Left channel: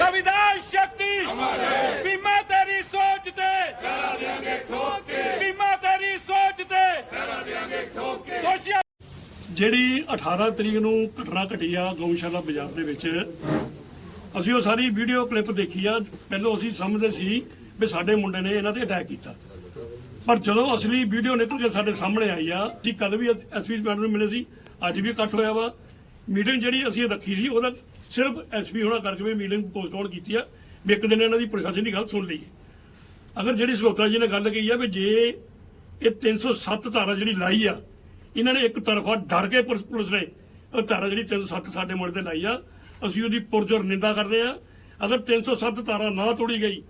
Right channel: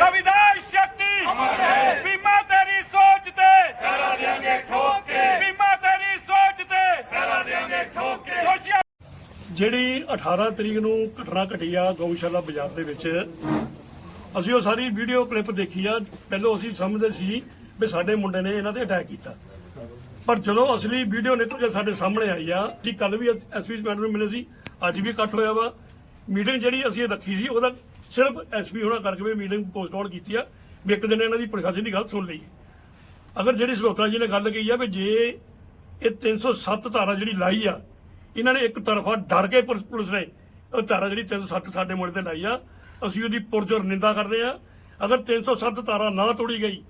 ਰਵਿਦਾਸ ਸ਼ਕਤੀ। ਅਮਰ ਹੈ ਤੇਰੀ ਸੋਚ ਤੇ। ਜਿਹੜੀ 18 ਤਰੀਕ ਨੂੰ ਘਟਨਾ ਘਟੀ ਆ ਗਊਸ਼ਾਲਾ ਬਾਜ਼ਾਰ ਦੇ ਵਿੱਚ, ਅਸੀਂ ਉਹ ਸਾਰੀ ਵੀਡੀਓ ਕਲਿੱਪ ਦੇਖੀ ਆ। ਪਹਿਲਾਂ ਅਸੀਂ ਸਮਝਦੇ ਸੀ ਵੀ ਸਾਡੇ ਮੁੰਡੇ ਨੇ ਇਹਨਾਂ ਤੇ ਅਟੈਕ ਕੀਤਾ। ਪਰ ਜਦੋਂ ਅਸਲੀ ਵੀਡੀਓ ਨਿਕਲ ਕੇ ਸਾਡੇ ਸਾਹਮਣੇ ਆਈ ਆ ਕਿ ਕੱਲ ਵੀ ਐਸਪੀ ਮੈਡਮ ਨੂੰ ਮਿਲੇ ਸੀ। ਅੱਜ ਵੀ ਇਕੱਠ ਹੋਇਆ ਵਾ। ਮੀਟਿੰਗ ਜਿਹੜੀ ਅਸੀਂ ਰੱਖੀ ਸੀ, ਉਹਦਾ ਸਿਰਫ ਐਸਪੀ ਹੋਣਾ ਕਰਕੇ ਵੀ ਮੀਟਿੰਗ ਪੋਸਟਪੋਨ ਕੀਤੀ ਆ, ਵੀ ਇੱਕ ਦਿਨ ਇਹਨਾਂ ਦੀ ਪ੍ਰਸ਼ਾਸਨ ਦੀ ਗੱਲ ਸੁਣ ਲਈਏ ਅਗਰ ਜਿਹੜੀ ਸਲੋਤਰਾ ਜੀ ਨੇ ਗੱਲ ਕਹੀ ਆ ਵੀ ਜੇ ਇਹ 307 ਧਾਰਾ ਜਿਹੜੀ ਲਾਈ ਆ, ਇਹਨਾਂ ਨੇ ਇੱਕ ਤਰਫਾ ਡਰ ਕੇ ਪੁਲਿਸ ਪੁਲਿਸ ਨੇ ਉਹ ਧਾਰਾ ਜਿਹੜੀ 307 ਸਾਡੇ ਮੁੰਡੇ ਤੇ ਲਾਈ ਆ, ਅਸੀਂ ਉਹਦੀ ਪੁਰਜੋਰ ਨਿੰਦਾ ਕਰਦੇ ਆ। ਅਗਰ 307 ਧਾਰਾ ਨਾ ਤੋੜੀ ਗਈ,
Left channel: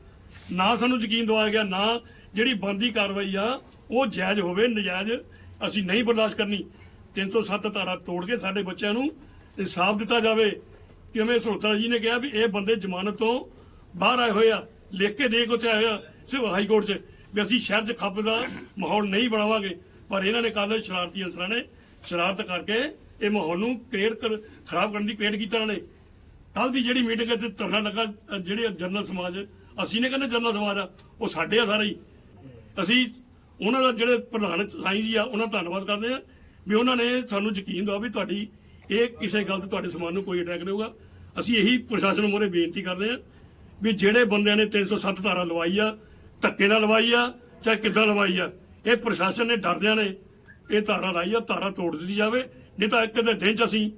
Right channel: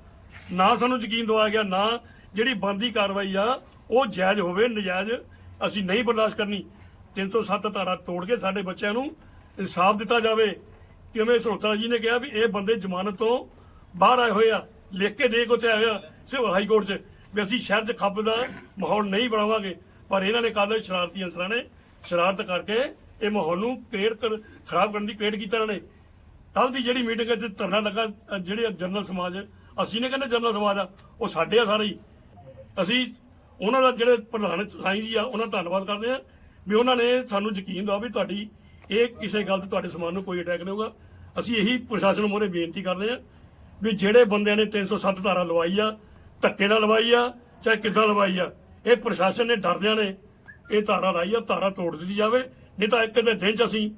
ਨਾ ਸਾਨੂੰ ਯਕੀਨ ਦਵਾਇਆ ਗਿਆ, ਨਾ ਜਿਹੜੀ ਬੰਦੀ ਕਾਰਵਾਈ ਆ, ਉਹ ਜਾਇਜ਼ ਹੋਵੇ, ਨਜਾਇਜ਼ ਅਸੀਂ ਨਹੀਂ ਬਰਦਾਸ਼ਤ ਕਰਨੀ। 307 ਧਾਰਾ ਤੋੜ ਕੇ ਸਾਡੇ ਬੱਚਿਆਂ ਨੂੰ ਇਨਸਾਫ ਦਿੱਤਾ ਜਾਵੇ। ਕਿਵੇਂ ਸਲੋਤਰਾ ਜੀ ਨੇ ਕਿਹਾ ਵੀ ਇਹ ਬੰਦੇ ਜ਼ਮਾਨਤ ਤੋਂ ਬਾਹਰ ਆਏ ਹੋਏ ਆ, ਲਿਖ ਕੇ ਦੇ ਕੇ ਉੱਥੇ ਆਏ ਆ, ਸਿਰਫ ਹਾਈ ਕੋਰਟ 'ਚ, ਵੀ ਅਸੀਂ ਸ਼ਹਿਰ 'ਚ ਖੱਪ ਦਾ ਮਾਹੌਲ ਨਹੀਂ ਬਣਾਵਾਂਗੇ। ਪਰ ਇਹਨਾਂ ਨੇ ਕੱਲ ਸ਼ਰਾਰਤੀ ਅਨਸਰਾਂ ਨੇ? ਸ਼ਰਾਰਤ ਕਰਕੇ ਇਹ ਮਾਹੌਲ ਨੂੰ ਕ੍ਰੀਏਟ ਕਰ, ਖਰਾਬ ਕਰਨ ਦੀ ਕ੍ਰੀਏਟ ਕੀਤਾ ਇਹਨਾਂ ਨੇ। ਕੱਲ ਦੀ ਜਿਹੜੀ ਮੀਟਿੰਗ 'ਚ ਧਰਨਾ ਲੱਗਾ ਜਿਹੜੇ ਜਨਰਲ ਸਮਾਜ, ਅਸੀਂ ਨੇ ਕਹਿੰਦੇ ਜਨਰਲ ਸਮਾਜ ਆ, ਉਹ ਸਾਡੇ ਆ ਸਾਰੇ ਹੀ। ਅਸੀਂ ਉਹਨਾਂ ਦਾ ਜਿਹੜੇ ਪ੍ਰਧਾਨ ਸਾਈਂ ਜੀ ਆ, ਉਹਨਾਂ ਦਾ ਧੰਨਵਾਦ ਕਰਦੇ ਆ, ਵੀ ਉਹਨਾਂ ਨੇ ਸਾਨੂੰ ਯਕੀਨ ਦਵਾ ਵੀ ਤੁਹਾਡੀ ਇਹ ਕਿਸੇ ਗੱਲ ਤੇ ਤੁਹਾਡੇ ਸਮਾਨ ਨੂੰ ਕੋਈ ਅਟੈਕ ਨਹੀਂ ਹੋਊਗਾ। ਅਸੀਂ ਇਹੀ ਪ੍ਰਸ਼ਾਸਨ ਮੋਰੇ ਬੇਨਤੀ ਕਰਦੇ ਆ ਵੀ ਜਿਹੜੇ ਬੰਦਿਆਂ ਨੇ 307 ਧਾਰਾ ਲਵਾਈ ਆ, ਧੱਕੇ ਨਾਲ ਲਵਾਈ ਆ, ਚਾਹੇ ਕਿੱਦਾਂ ਲਵਾਈ ਆ, ਇਹ ਪ੍ਰਸ਼ਾਸਨ ਨੇ ਡਰਦਿਆਂ ਨੇ ਇਹ ਧਾਰਾ ਲਾਈ ਆ, ਧਾਰਾ ਤੋੜ ਦਿੱਤੀ ਜਾਵੇ, ਨਹੀਂ ਤਾਂ ਇੱਕ ਦੇ ਦਿਨ ਚ ਅਸੀਂ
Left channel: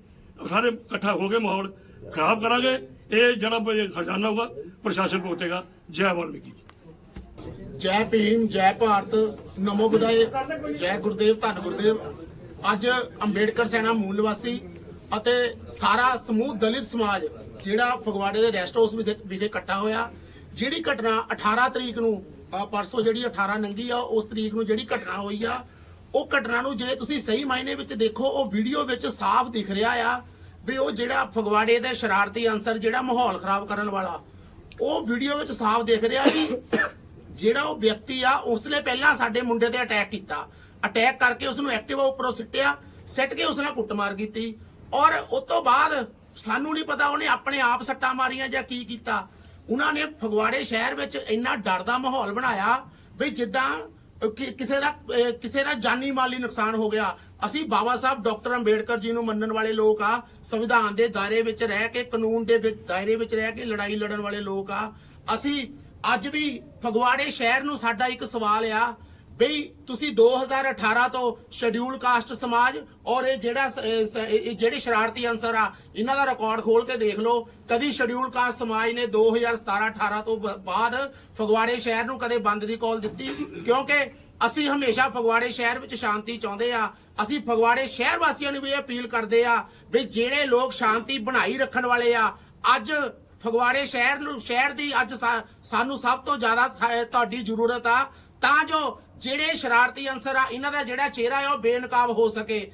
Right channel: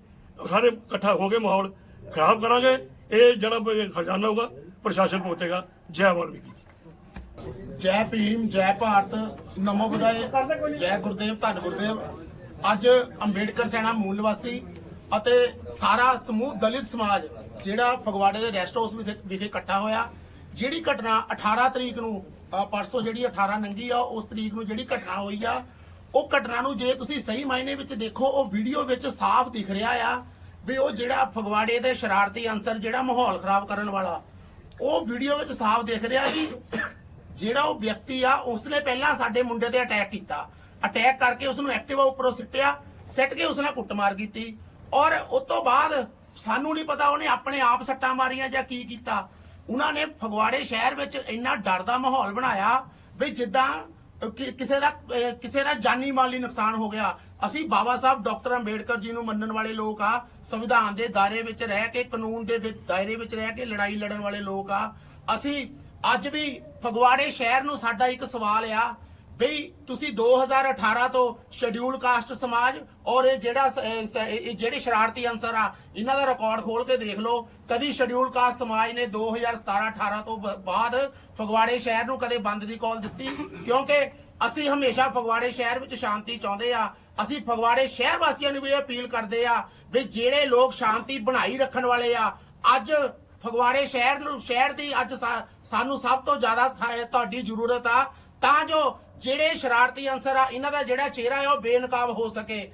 ਸਾਰੇ ਇਕੱਠਾ ਹੋ ਕੇ ਮਾਹੌਲ ਖਰਾਬ ਕਰਾਂਗੇ। ਇਹ ਜਿਹੜਾ ਖਜ਼ਾਨਾ ਹੋਊਗਾ, ਪ੍ਰਸ਼ਾਸਨ ਪਹੁੰਚੇਗਾ। ਜੈ ਵਾਲਮੀਕੀ ਜੈ ਭੀਮ, ਜੈ ਭਾਰਤ, ਨਮੋ ਬੁਦਾਏ ਜੈ ਗੁਰਦੇਵ, ਧੰਨ ਗੁਰਦੇਵ। ਅੱਜ ਅੰਬੇਡਕਰ ਸੈਨਾ ਮੂਲ ਨਿਵਾਸੀ ਅਤੇ ਸਾਰਾ ਸਮੂਹ ਦਲਿਤ ਸਮਾਜ ਜਿਹੜਾ ਫਗਵਾੜੇ ਦੇ ਰੈਸਟ ਹਾਊਸ ਵਿਖੇ ਇਕੱਠਾ ਹੋਇਆ। ਜਿਹੜੀ ਘਟਨਾ 18 ਤਰੀਕ ਨੂੰ ਪਰਸੋਂ ਜਿਹੜੀ 18 ਨੰਗੀ ਆ, ਉਸ ਤਰੀਕ ਨੂੰ ਜਿਹੜੀ ਘਟਨਾ ਹੋਈ ਆ, ਉਹ ਘਟਨਾ ਨੂੰ ਜੇ ਤੁਸੀਂ ਸਹੀ ਮਾਇਨੇ ਵਿੱਚ ਦੇਖੋ, ਉਹ ਵੀਡੀਓ ਵਿੱਚ ਸਾਫ਼ ਦਿਖ ਰਿਹਾ ਆ ਵੀ ਉਹ ਜਿਹੜਾ ਫਗਵਾੜੇ ਦੇ ਸ਼ਰਾਰਤੀ ਅਨਸਰ ਜਿਹੜਾ ਮਾਹੌਲ ਖਰਾਬ ਕਰਨ ਵਾਲਾ, ਉਹ ਵੀਡੀਓ ਵਿੱਚ ਸਾਫ਼ ਦਿਖ ਰਿਹਾ ਕਿ ਜਿਹੜਾ ਉਹ ਵਿਅਕਤੀ ਆ, ਉਸਨੇ ਪਹਿਲਾਂ ਸਾਡੇ ਮੁੰਡੇ ਤੇ ਅਟੈਕ ਕੀਤਾ। ਅਟੈਕ ਕਰਕੇ ਉਸ ਨੂੰ ਐਕਟਿਵਾ ਉੱਪਰੋਂ ਸਿੱਟਿਆ, ਸਿੱਟ ਕੇ ਉਸ ਨਾਲ ਕੁੱਟਮਾਰ ਕੀਤੀ। ਔਰ ਉਸ ਤੋਂ ਬਾਅਦ ਸਾਨੂੰ ਨਹੀਂ ਪਤਾ ਉਹਨੇ ਆਪਣੇ ਆਪ ਸੱਟਾਂ ਮਾਰੀਆਂ ਜਾਂ ਕੀ ਕੀਤਾ। ਉਹਨਾਂ ਨੇ ਫਗਵਾੜੇ ਸ਼ਹਿਰ ਵਿੱਚ ਇੰਨਾ ਡਰ ਦਾ ਮਾਹੌਲ ਬਣਾਇਆ ਵੀ ਜਿੱਦਾਂ ਕਿਸੇ ਦਾ ਕਿਸੇ ਦਾ ਜਾਨੀ ਮਾਲੀ ਨੁਕਸਾਨ ਹੋ ਗਿਆ। ਅਸੀਂ ਬਾਬਾ ਸਾਹਿਬ ਡਾਕਟਰ ਅੰਬੇਡਕਰ ਜੀ ਨੂੰ ਮੰਨਣ ਵਾਲੇ ਲੋਕ ਆ, ਸੰਵਿਧਾਨ ਦੇ ਦਾਇਰੇ ਵਿੱਚ ਰਹਿ ਕੇ, ਕਾਨੂੰਨ ਦੇ ਵਿੱਚ, ਦਾਇਰੇ ਵਿੱਚ ਰਹਿ ਕੇ ਲੜਾਈ ਲੜਨ ਵਾਲੇ ਲੋਕ ਆ। ਅਸੀਂ ਅੱਜ ਵੀ ਫਗਵਾੜੇ ਸ਼ਹਿਰ ਨੂੰ ਸਾਡਾ ਇੱਕ ਸਵਾਲ ਆ ਬਈ ਤੁਸੀਂ 2018 ਤੋਂ ਸ਼ਡਿਊਲ ਕਾਸਟ ਸਮਾਜ ਔਰ ਇਹ ਜਿਹੜਾ ਇਹ ਜਿਹੜੇ ਸ਼ਰਾਰਤੀ ਅਨਸਰ ਆ, ਇਹਨਾਂ ਦਾ ਰਿਕਾਰਡ ਖੋਲ ਕੇ ਦੇਖ ਲਓ। ਕਦੀ ਸ਼ਡਿਊਲ ਕਾਸਟ ਸਮਾਜ ਨੇ 2017-18 ਤੋਂ ਬਾਅਦ ਫਗਵਾੜੇ ਸ਼ਹਿਰ ਨੂੰ ਕਦੇ ਬੰਦ ਦੀ ਕਾਲ ਦਿੱਤੀ, ਕਿਉਂਕਿ ਅਸੀਂ ਹਮੇਸ਼ਾ ਫਗਵਾੜੇ ਸ਼ਹਿਰ ਵਿੱਚ ਸ਼ਾਂਤੀ ਚਾਹੁੰਦੇ ਆ। ਅਸੀਂ ਫਗਵਾੜੇ ਸ਼ਹਿਰ ਵਾਸੀਆਂ ਨੂੰ ਵੀ ਇਹ ਅਪੀਲ ਕਰਦੇ ਆ ਵੀ ਜਿਹੜੇ ਲੋਕ ਸ਼ਾਂਤੀ ਬਣਾਈ ਰੱਖਣ ਵਾਲੇ ਆ, ਅੱਜ ਫਗਵਾੜੇ ਸ਼ਹਿਰ ਨੂੰ ਸ਼ਹਿਰ ਦੀ ਅੱਜ ਸਾਨੂੰ ਸਭ ਤੋਂ ਜ਼ਿਆਦਾ ਤੁਹਾਡੀ ਜ਼ਰੂਰਤ ਆ। ਤਾਂ ਜੋ ਜਿਹੜੇ ਸ਼ਰਾਰਤੀ ਅਨਸਰ ਆ, ਇਹਨਾਂ ਦਾ ਜਿਹੜਾ ਚਿਹਰਾ ਆ, ਉਹ ਬੇਨਕਾਬ ਹੋ ਸਕੇ।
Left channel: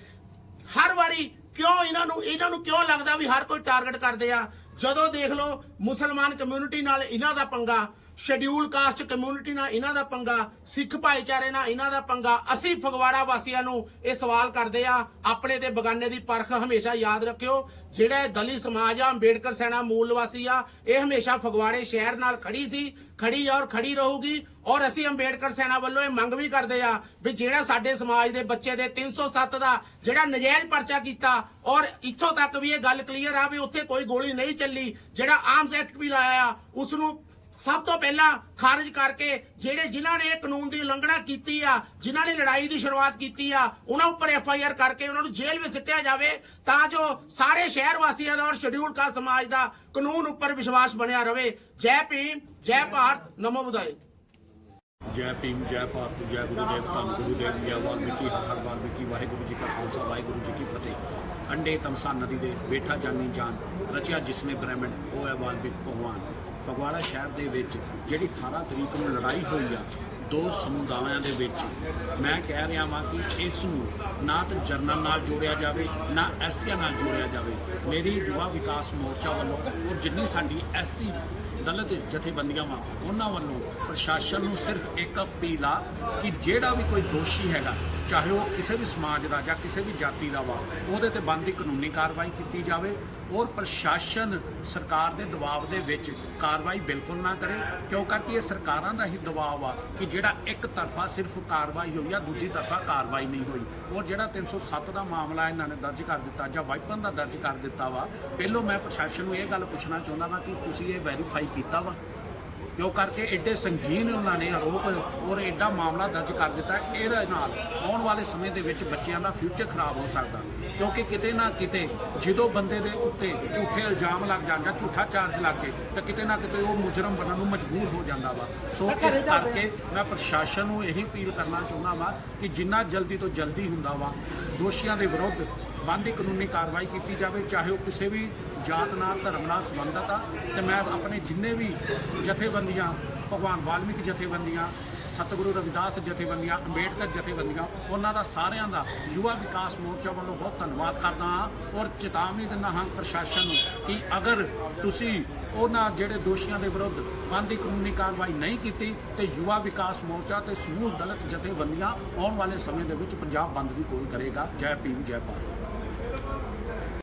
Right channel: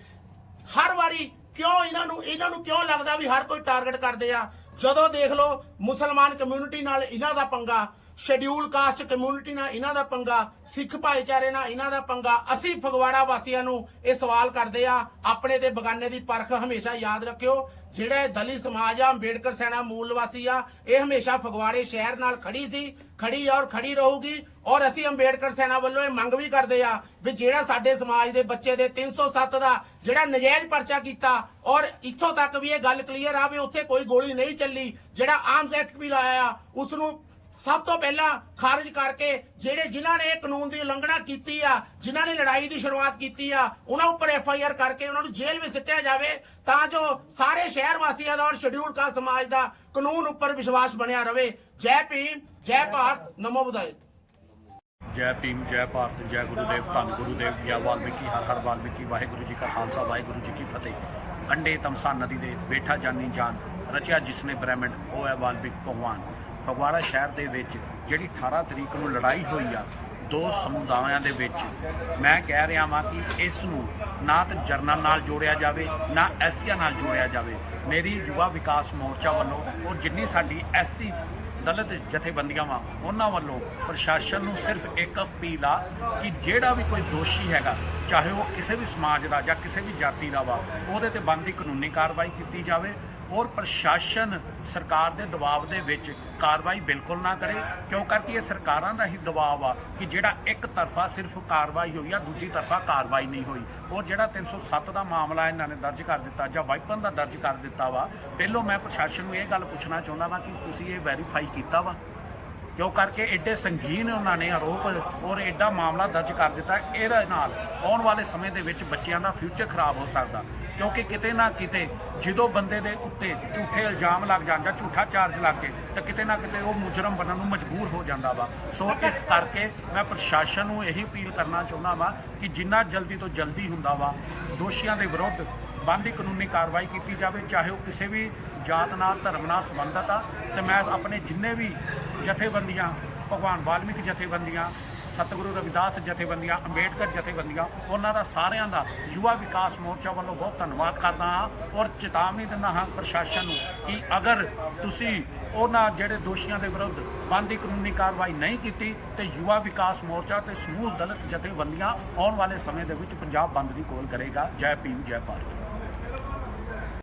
ਹਰ ਵਾਰੀ ਕਿਉਂ ਇਹਨਾਂ ਨੂੰ ਇਹਨਾਂ ਨੂੰ ਕਿਉਂ ਲੱਗਦਾ ਵੀ ਹਰ ਕੋਈ ਟਾਰਗੇਟ ਕਰਦੇ ਆ? ਜਦੋਂ ਦੇਖ ਲਓ, ਮੁਸਲਮਾਨ ਕਮਿਊਨਿਟੀ ਨਾਲ ਇਹਨਾਂ ਦਾ ਪੰਗਾ ਸ਼ਡਿਊਲ ਕਾਸਟ ਕਮਿਊਨਿਟੀ ਨਾਲ ਇਹਨਾਂ ਦਾ ਪੰਗਾ, ਸਿੱਖ ਭਾਈਚਾਰੇ ਨਾਲ ਇਹਨਾਂ ਦਾ ਪੰਗਾ, ਅਸੀਂ ਫਗਵਾੜਾ ਵਾਸੀਆਂ ਨੂੰ ਇਹ ਸਵਾਲ ਕਰਦੇ ਆ ਆਪਣੇ ਤੇ ਬਗਾਨੇ ਦੀ ਪਰਖ ਹਮੇਸ਼ਾ ਯਾਦ ਰੱਖਿਓ, ਜਿਹੜਾ ਇਹ ਸਮਾਜ ਆ, ਅੰਬੇਡਕਰ ਸੈਨਾ ਮੂਲ ਵਾਸੀ ਆ, ਇਹ ਹਮੇਸ਼ਾ ਫਗਵਾੜੇ ਸ਼ਹਿਰ ਨਾਲ ਖੜੀ ਸੀ, ਖੜੀ ਔਰ ਖੜੀ ਰਹੂਗੀ, ਔਰ ਅਸੀਂ ਅੰਬੇਡਕਰ ਸੈਨਾ ਵੱਲੋਂ ਇਹ ਮੰਗ ਵੀ ਕਰਦੇ ਆ ਵੀ ਜਿਹੜਾ ਸਾਡੇ ਸਮਾਜ ਦੇ ਬੱਚੇ ਦੇ 307 ਦਾ ਜਿਹੜਾ ਨਜਾਇਜ਼ ਪਰਚਾ ਕੀਤਾ, ਔਰ ਇੱਥੋਂ ਤੱਕ ਵੀ ਇਹ ਗੱਲ ਕਲੀਅਰ ਆ ਵੀ ਉੱਥੇ ਕੋਈ ਗੋਲੀ ਨਹੀਂ ਚੱਲੀ, ਜਿਹੜਾ ਆਰਮਸ ਐਕਟ ਵੀ ਲਾਇਆ ਆ ਉਸ ਨੂੰ ਸਭ ਤੋਂ ਪਹਿਲਾਂ ਖਾਰਜ ਕਰਕੇ ਜਿਹੜੇ ਜਿਨ੍ਹਾਂ ਨੇ ਕਾਨੂੰਨ ਦੀ ਉਲੰਘਣਾ ਕੀਤੀ ਆ, ਜਿਨ੍ਹਾਂ ਨੇ ਲੜਾਈ ਦੀ ਸ਼ੁਰੂਆਤ ਕੀਤੀ ਆ, ਉਹਨਾਂ ਉੱਪਰ ਐਫ ਆਈ ਆਰ ਕਰਕੇ ਉਹਨਾਂ ਨੂੰ ਜੇਲ੍ਹ ਵਿੱਚ ਸਿੱਟਿਆ ਜਾਵੇ ਤਾਂ ਜੋ ਸਾਰੇ ਸ਼ਹਿਰ ਵਾਸੀਆਂ ਦਾ ਔਰ ਸ਼ਡਿਊਲ ਕਾਸਟ ਸਮਾਜ ਦਾ ਕਾਨੂੰਨ ਉੱਪਰ ਵਿਸ਼ਵਾਸ ਬਣਿਆ ਰਵੇ। ਜੈ ਭੀਮ, ਜੈ ਭਾਰਤ, ਨਮੋ ਬੁਦਾਏ ਜੈ ਭੀਮ, ਜੈ ਭਾਰਤ, ਜੈ ਗੁਰੂਦੇਵ, ਧੰਨ ਗੁਰੂਦੇਵ, ਜੈ ਵਾਲਮੀਕੀ, ਹਰ ਹਰ ਵਾਲਮੀਕੀ, ਵਾਹਿਗੁਰੂ ਜੀ ਕਾ ਖਾਲਸਾ, ਵਾਹਿਗੁਰੂ ਜੀ ਕੀ ਫਤਿਹ। ਅੰਡੇ ਤਮਸਾ ਨਦੀ ਦੇ ਬੇਠਾ ਜਾਨੀ ਜਾਨ, ਰਚਿਆ ਜਿਸਨੇ ਬ੍ਰਹਮੰਡ, ਉਹ ਹੈ ਵਾਲਮੀਕ ਭਗਵਾਨ। ਫਗਵਾੜਾ ਸ਼ਹਿਰ ਦੇ ਵਿੱਚ ਜਿਹੜੀ 18 ਤਰੀਕ ਨੂੰ ਲੜਾਈ ਹੋਈ ਆ, ਦੋ ਸਮੁਦਾਇਆਂ ਦੇ ਵਿੱਚ, ਮੈਂ ਕਹਿ ਰਿਹਾ ਵਾਂ ਕਿ ਇਸ ਨੂੰ ਨਾ ਤਾਂ ਜਰਨਲ ਨਾਲ ਜੋੜਿਆ ਜਾਵੇ, ਨਾ ਐਸਸੀਆਂ ਨਾਲ ਜੋੜਿਆ ਜਾਵੇ। ਮੇਰੀ ਯੁਵਾ ਵਿਕਾਸ ਮੋਰਚਾ ਵੱਲੋਂ ਔਰ ਜਿੰਨੀ ਸਾਡੀ ਐਸਸੀ ਦਲਿਤ ਜਥੇਬੰਦੀਆਂ ਵਾ, ਉਹਨਾਂ ਵੱਲੋਂ ਪ੍ਰਸ਼ਾਸਨ ਨੂੰ ਸਿਰਫ ਇੱਕ ਅਪੀਲ ਆ ਕਿ ਜਿਹੜਾ ਵੀ ਕੋਈ ਦੋਸ਼ੀ ਹੈਗਾ, ਚਾਹੇ ਉਹ ਕਿਸੇ ਵੀ ਸਮਾਜ ਦਾ ਜਾਂ ਕਿਸੇ ਵੀ ਜਾਤੀ ਦਾ ਵਾ, ਉਹਦੇ ਤੇ ਬਣਦੀ ਕਾਨੂੰਨੀ ਕਾਰਵਾਈ ਕੀਤੀ ਜਾਵੇ ਔਰ ਪ੍ਰਸ਼ਾਸਨ ਸਰਕਾਰ ਦੇ ਦਬਾਅ ਦੇ ਵਿੱਚ ਕਾਰਵਾਈ ਬਿਲਕੁਲ ਨਾ ਕਰੇ, ਕਿਉਂ ਕਰਕੇ ਇਹ ਸਰਕਾਰਾਂ ਦਾ ਹੀ ਦਬਾਅ ਆ ਕਿ ਜਿਹੜਾ ਇੱਕ ਤਰਫਾ ਸਿਰਫ ਕਾਰਵਾਈ ਹੋਈ ਆ, ਦੂਜੀ ਤਰਫਾ ਕਾਰਵਾਈ ਨਹੀਂ ਹੋਈ। ਔਰ ਜਿਹੜਾ 307 ਦਾ ਮਾਮਲਾ ਇਹਨਾਂ ਨੇ ਦਰਜ ਕਰ ਦਿੱਤਾ ਜਾਂ ਵਾਈਪਨ ਦਾ ਦਰਜ ਕਰ ਦਿੱਤਾ ਵਾ, ਪਹਿਲੋਂ ਮੈਂ ਪ੍ਰਸ਼ਾਸਨ ਨੂੰ ਇਹ ਗੱਲ ਪੁੱਛਣਾ ਚਾਹੁੰਦਾ ਵਾਂ ਕਿ ਤੁਸੀਂ ਇਹ ਵੈਰੀਫਾਈ ਕੀਤਾ ਵਾ? ਜੋ ਕਰਕੇ ਐਡੇ ਸੰਗੀਨ ਉਹਨਾਂ ਨੇ ਆਰੋਪ ਔਰ ਐਡਾ ਮਾਮਲਾ ਦਰਜ ਕਰ ਦਿੱਤਾ। ਇਹਦੇ ਨਾਲ ਆਉਣ ਵਾਲੇ ਸਮੇਂ ਦੇ ਵਿੱਚ ਬੱਚਿਆਂ ਦਾ ਫਿਊਚਰ ਖਰਾਬ ਹੋ ਸਕਦਾ। ਕਿਉਂਕਿ ਕਿਤੇ ਨਾ ਕਿਤੇ ਜਦੋਂ ਬੰਦੇ ਦੇ ਉੱਤੇ ਝੂਠੇ ਇਲਜ਼ਾਮ ਲੱਗ ਜਾਣ ਜਾਂ ਝੂਠਾ ਚਾਰਜ ਲੱਗ ਜੇ, ਤਾਂ ਕਿਤੇ ਨਾ ਕਿਤੇ ਉਹ ਮੁਜਰਮ ਬਣਨ ਨੂੰ ਮਜਬੂਰ ਹੋ ਜਾਂਦਾ ਵਾ। ਸੋ ਇਸ ਕਰਕੇ ਮੈਂ ਪ੍ਰਸ਼ਾਸਨ ਨੂੰ ਇਹੀ ਅਪੀਲ ਕਰਨਾ ਚਾਹੁੰਦਾ ਵਾਂ ਕਿ ਜਿੰਨਾ ਜਲਦੀ ਤੋਂ ਜਲਦੀ ਹੁੰਦਾ ਵਾ, ਦੋਸ਼ੀਆਂ ਦੇ ਵਿਰੁੱਧ ਬੰਦੀ ਕਾਨੂੰਨੀ ਕਾਰਵਾਈ ਕੀਤੀ ਜਾਵੇ, ਚਾਹੇ ਉਹ ਕਿਸੇ ਵੀ ਜਾਤ ਨਾਲ, ਧਰਮ ਨਾਲ ਸੰਬੰਧਤ ਆ, ਤੇ ਮੈਂ ਆਪਣੇ ਜਿੰਨੇ ਵੀ ਜਥੇਬੰਦੀਆਂ, ਭਗਵਾਨ ਵਾਲਮੀਕ ਜਥੇਬੰਦੀਆਂ, ਸਤਿਗੁਰੂ ਰਵਿਦਾਸ ਜਥੇਬੰਦੀਆਂ, ਅੰਬੇਡਕਰ ਜਥੇਬੰਦੀਆਂ, ਉਹਨਾਂ ਦਾ ਸਾਰਿਆਂ ਦਾ ਯੁਵਾ ਵਿਕਾਸ ਮੋਰਚਾ ਵੱਲੋਂ ਬਹੁਤ ਧੰਨਵਾਦ ਕਰਦਾ ਹਾਂ ਔਰ ਚੇਤਾਵਨੀ ਦਿੰਦਾ ਹਾਂ ਪ੍ਰਸ਼ਾਸਨ ਨੂੰ ਕਿ ਅਗਰ ਤੁਸੀਂ ਉਹਨਾਂ ਜਿਹੜੇ ਦੋਸ਼ੀਆਂ ਦੇ ਵਿਰੁੱਧ ਬੰਦੀ ਕਾਨੂੰਨੀ ਕਾਰਵਾਈ ਨਹੀਂ ਕੀਤੀ, ਤੇ ਯੁਵਾ ਵਿਕਾਸ ਮੋਰਚਾ ਤੇ ਸਮੂਹ ਦਲਿਤ ਜਥੇਬੰਦੀਆਂ ਆਉਣ ਵਾਲੇ ਸਮੇਂ ਦੇ ਵਿੱਚ ਪੰਜਾਬ ਬੰਦ ਦੀ ਕੋਲ ਕਰੇਗਾ। ਜੈ ਭੀਮ, ਜੈ ਭਾਰਤ।